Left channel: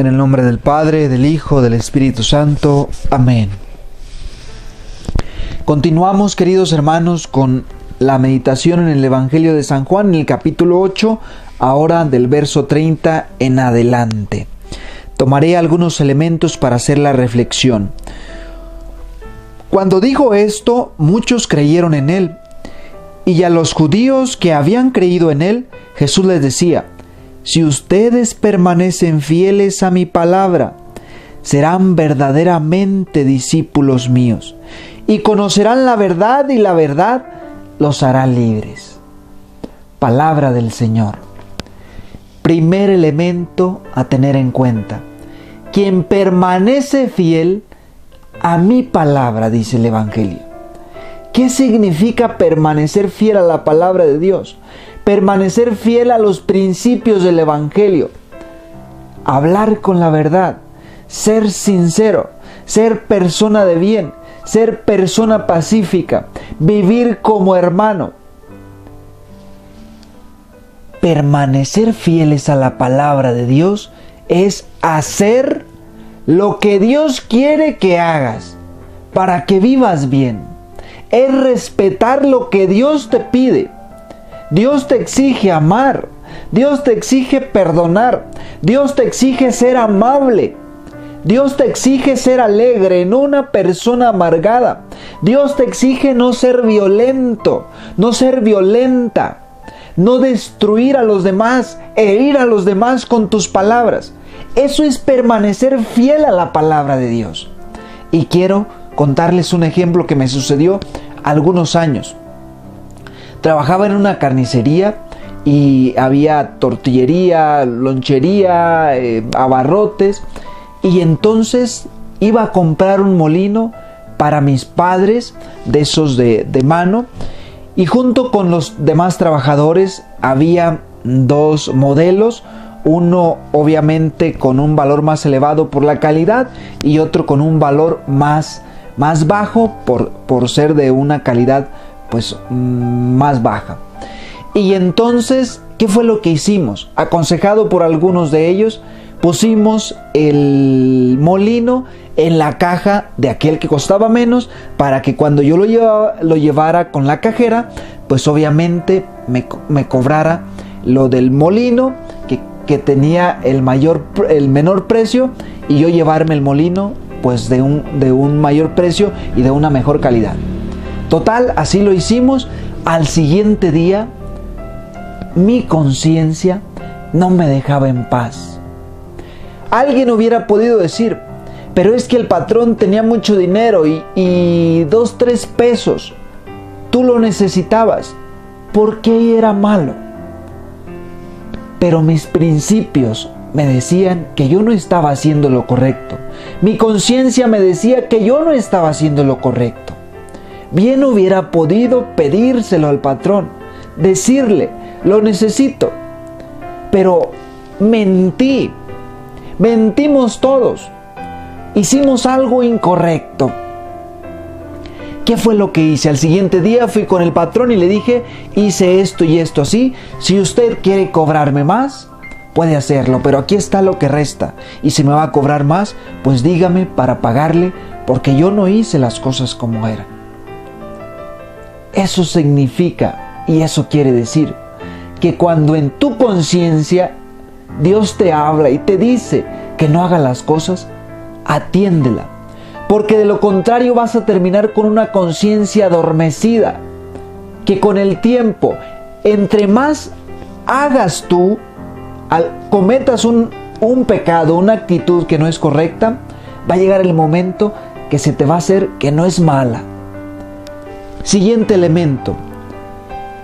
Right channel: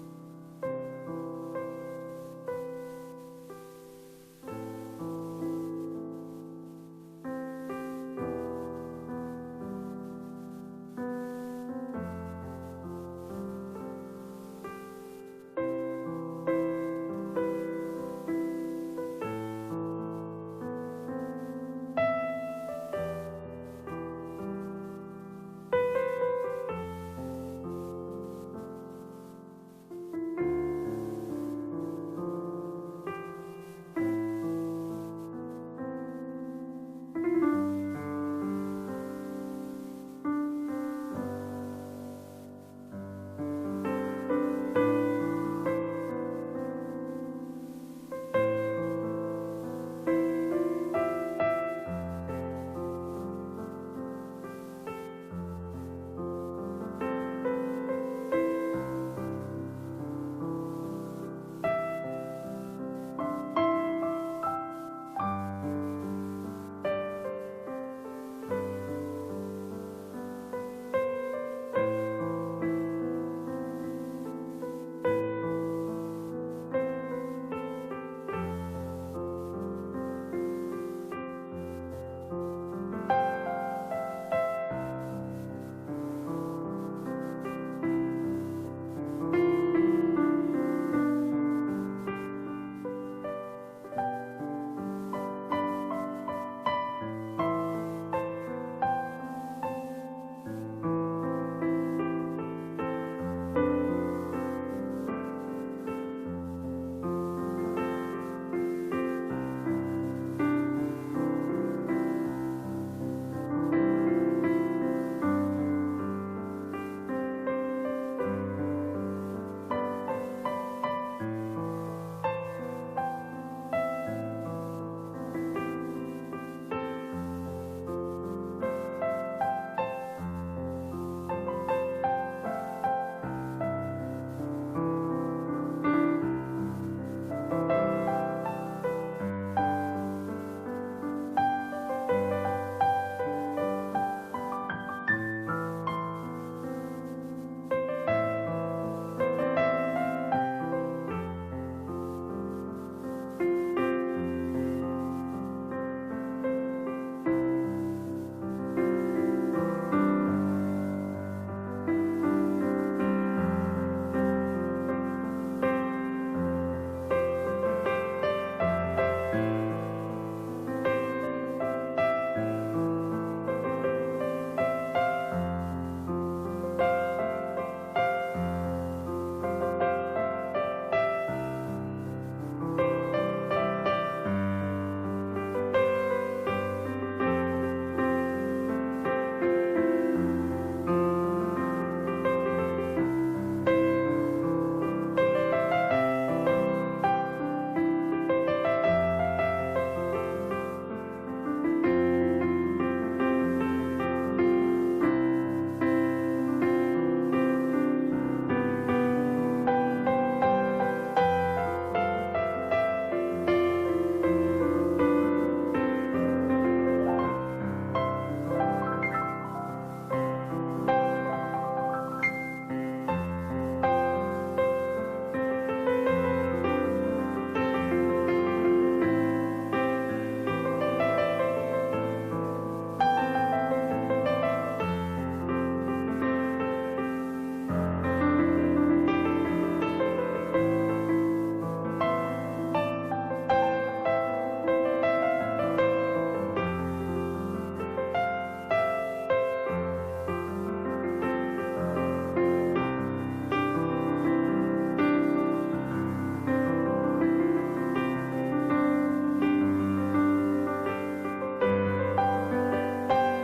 En el nombre del Padre, del Hijo, del Espíritu Santo. Amén. Continuamos, queridos hermanos, con la meditación en el Evangelio de San Juan, en el capítulo 8, ahora del verso 30 en adelante. Tomaré algunos elementos para hacer la reflexión. Cuando dijo esto, muchos creyeron en él, y a los judíos que habían creído en él, Jesús les decía: si ustedes permanecen fieles a mi palabra, serán verdaderamente discípulos míos, y conocerán la verdad, y la verdad los hará libres. Palabra del Señor. Primer elemento a tener en cuenta: quien permanece fiel a mi palabra, dice el Evangelio. ¿Qué significa permanecer fiel a la palabra de Dios? Permanecer fiel a los principios del Evangelio. Hablar con la verdad, ser sincero, ser persona de bien, ser persona pacífica, vivir como hermano. Permanecer fieles a la palabra de Dios es hacer lo que Dios quiere que hagas para que vivas bien. Es respetar lo que Dios te pide. Dios te exige amar. Dios te exige perdonar. Dios te exige ser amable. Dios te exige ser alegre, no una persona amargada. Dios te exige no ser violento, no ser violenta, no destruir a los demás, herir a los demás con tus palabras. Eso es permanecer fiel a la palabra de Dios. Y quiero contarles un ejemplo que me sucedió algunos años. Trabajaba en una carnicería y había tortillería, lonchería, abarrotes. Y entonces iba a comprar un molino para mis padres, de esos de mano. Y junto con los demás trabajadores había dos modelos. Uno obviamente con un valor más elevado por la calidad y otro con un valor más bajo por ser de una calidad pues más baja. Y entonces, ¿qué fue lo que hicimos? Aconsejado por algunos de ellos, pusimos el molino en la caja de aquel que costaba menos, para que cuando yo lo llevara con la cajera, pues obviamente me cobrara lo del molino que tenía el menor precio, y yo llevarme el molino pues de un mayor precio y de una mejor calidad. Total, así lo hicimos. Al siguiente día mi conciencia no me dejaba en paz. Alguien hubiera podido decir: pero es que el patrón tenía mucho dinero y 2, 3 pesos, tú lo necesitabas, ¿por qué era malo? Pero mis principios me decían que yo no estaba haciendo lo correcto. Mi conciencia me decía que yo no estaba haciendo lo correcto. Bien hubiera podido pedírselo al patrón, decirle: lo necesito. Pero mentimos todos. Hicimos algo incorrecto. ¿Qué fue lo que hice? Al siguiente día fui con el patrón y le dije: hice esto y esto así. Si usted quiere cobrarme más, puede hacerlo, pero aquí está lo que resta. Y si me va a cobrar más, pues dígame para pagarle, porque yo no hice las cosas como eran. Eso significa, y eso quiere decir, que cuando en tu conciencia Dios te habla y te dice que no haga las cosas, atiéndela, porque de lo contrario vas a terminar con una conciencia adormecida, que con el tiempo, entre más hagas tú, cometas un pecado, una actitud que no es correcta, va a llegar el momento que se te va a hacer que no es mala. Siguiente elemento:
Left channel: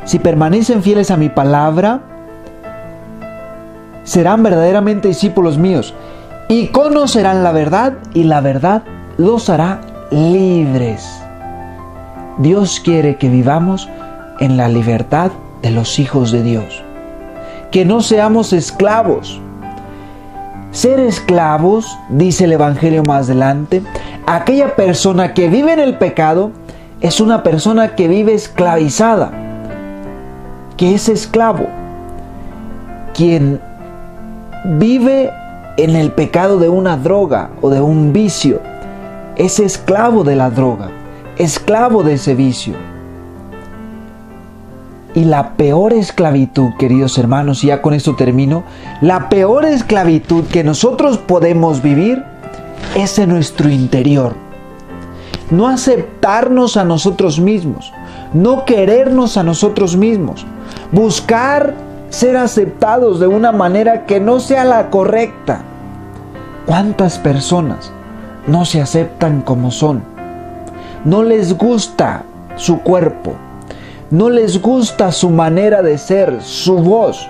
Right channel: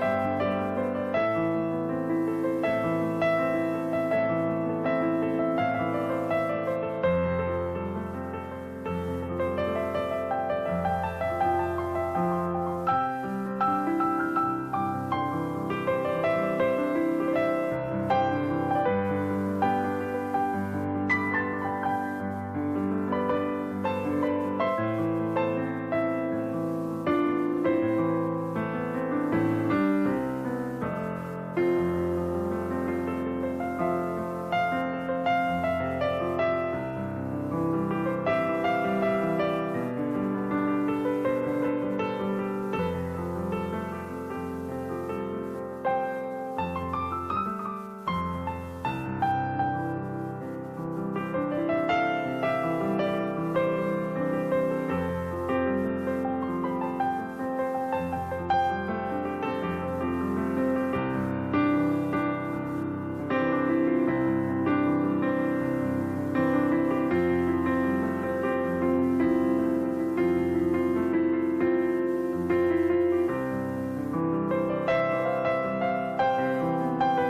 si permanecen fieles a mi palabra, serán verdaderamente discípulos míos, y conocerán la verdad, y la verdad los hará libres. Dios quiere que vivamos en la libertad de los hijos de Dios, que no seamos esclavos. Ser esclavos, dice el Evangelio más adelante, aquella persona que vive en el pecado es una persona que vive esclavizada, que es esclavo. Quien vive en el pecado de una droga o de un vicio, es esclavo de la droga, esclavo de ese vicio. Y la peor esclavitud, queridos hermanos, y ya con esto termino, la peor esclavitud que nosotros podemos vivir es en nuestro interior. No aceptarnos a nosotros mismos, no querernos a nosotros mismos, buscar ser aceptados de una manera que no sea la correcta. ¿Cuántas personas no se aceptan como son? No les gusta su cuerpo, no les gusta su manera de ser, su voz,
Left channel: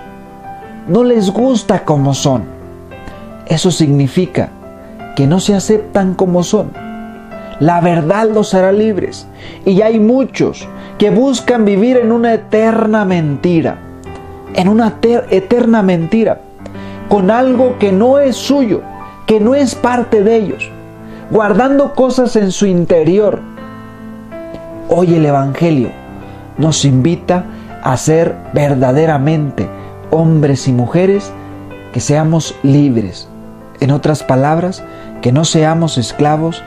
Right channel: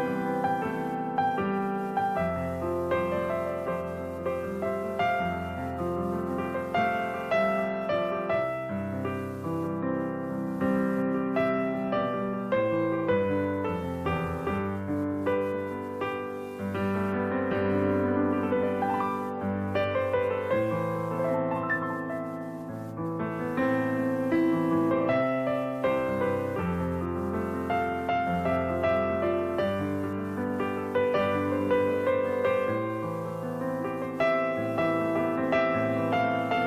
no les gusta como son. Eso significa que no se aceptan como son. La verdad los hará libres. Y hay muchos que buscan vivir en una eterna mentira, con algo que no es suyo, que no es parte de ellos, guardando cosas en su interior. Hoy el Evangelio nos invita a ser verdaderamente hombres y mujeres que seamos libres. En otras palabras, que no seamos esclavos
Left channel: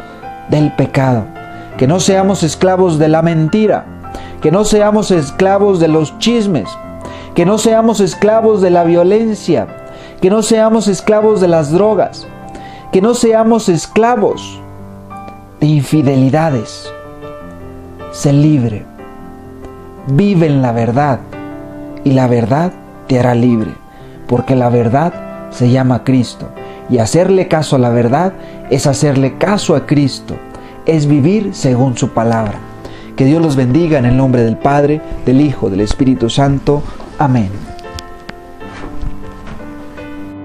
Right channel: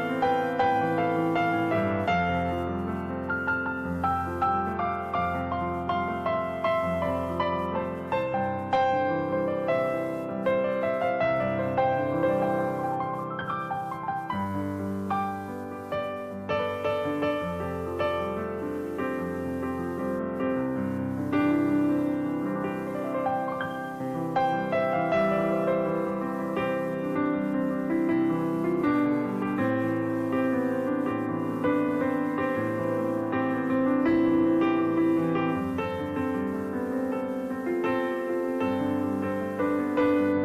del pecado, que no seamos esclavos de la mentira, que no seamos esclavos de los chismes, que no seamos esclavos de la violencia, que no seamos esclavos de las drogas, que no seamos esclavos de infidelidades. Sé libre, vive en la verdad y la verdad te hará libre, porque la verdad se llama Cristo. Y hacerle caso a la verdad es hacerle caso a Cristo, es vivir según su palabra. Que Dios los bendiga en el nombre del Padre, del Hijo, del Espíritu Santo. Amén.